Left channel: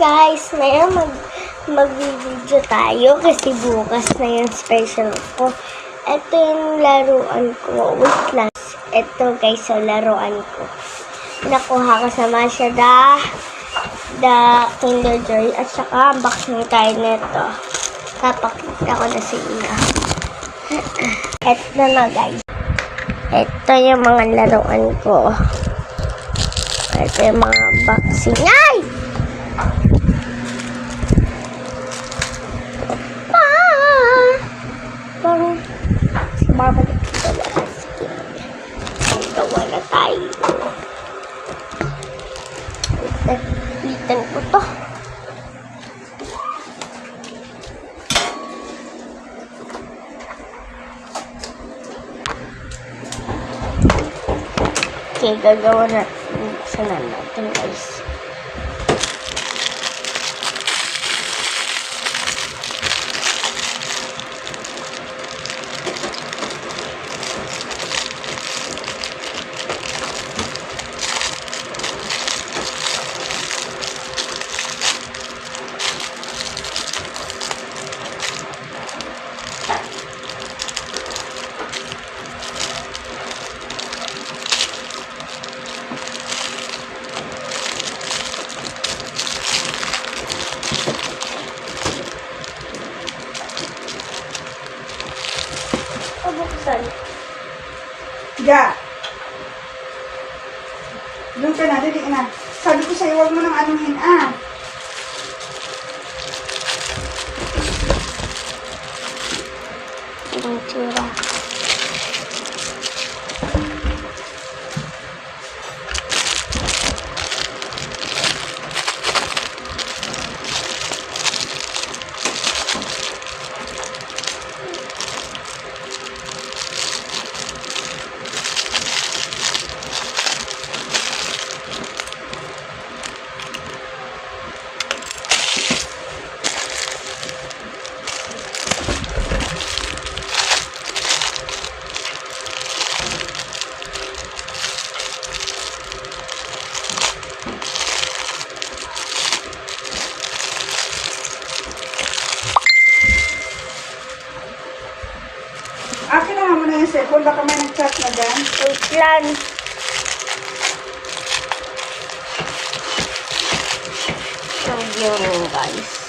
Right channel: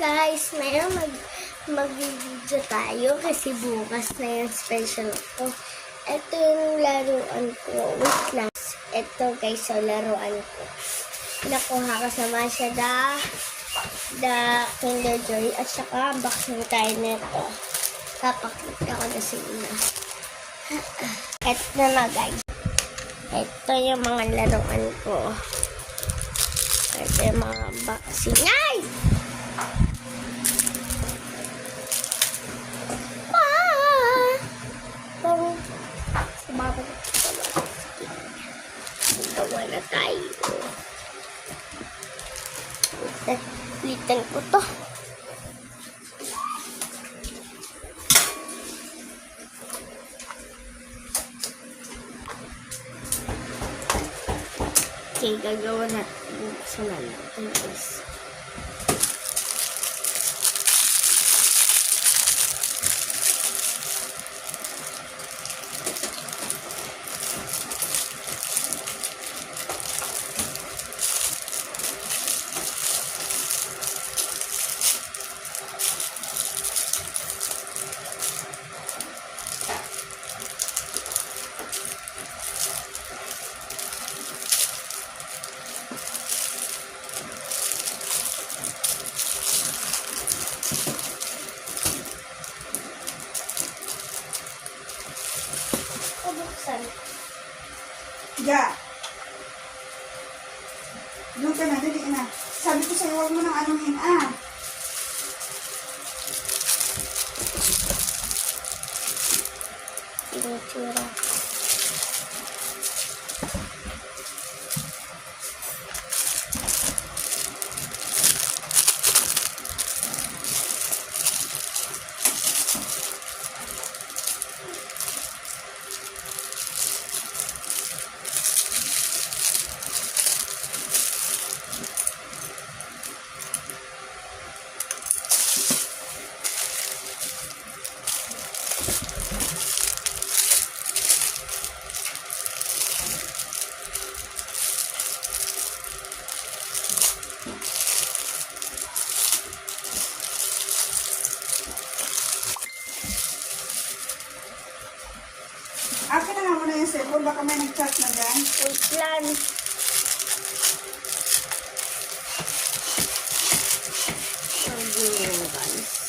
guys, ngayon mag-video tayo kasi bukas na yung special ko. Ito yung laruan ko. Wait lang. Ito guys, so laruan ko. Nakuha ko sa Mazda, the Kinder Joy, at saka unboxing tayo nito. Papakita ko na sa inyo. Ito na guys. Ito yung mga laruan ko. Ito yung mga unboxing. Ay! Babalik gawa na sige. Gawa na tayo. Litan ko to. Okay, gagawa natin. Buksan na natin guys. Buksan. Ja. Doon ka na, dali na. Sabi ko sa'yo, huwag mo nang anuhin, Ibang tsura. Akin na mo na yung cellphone, baka may nag-chat na dyan. Wait lang. So, yun guys.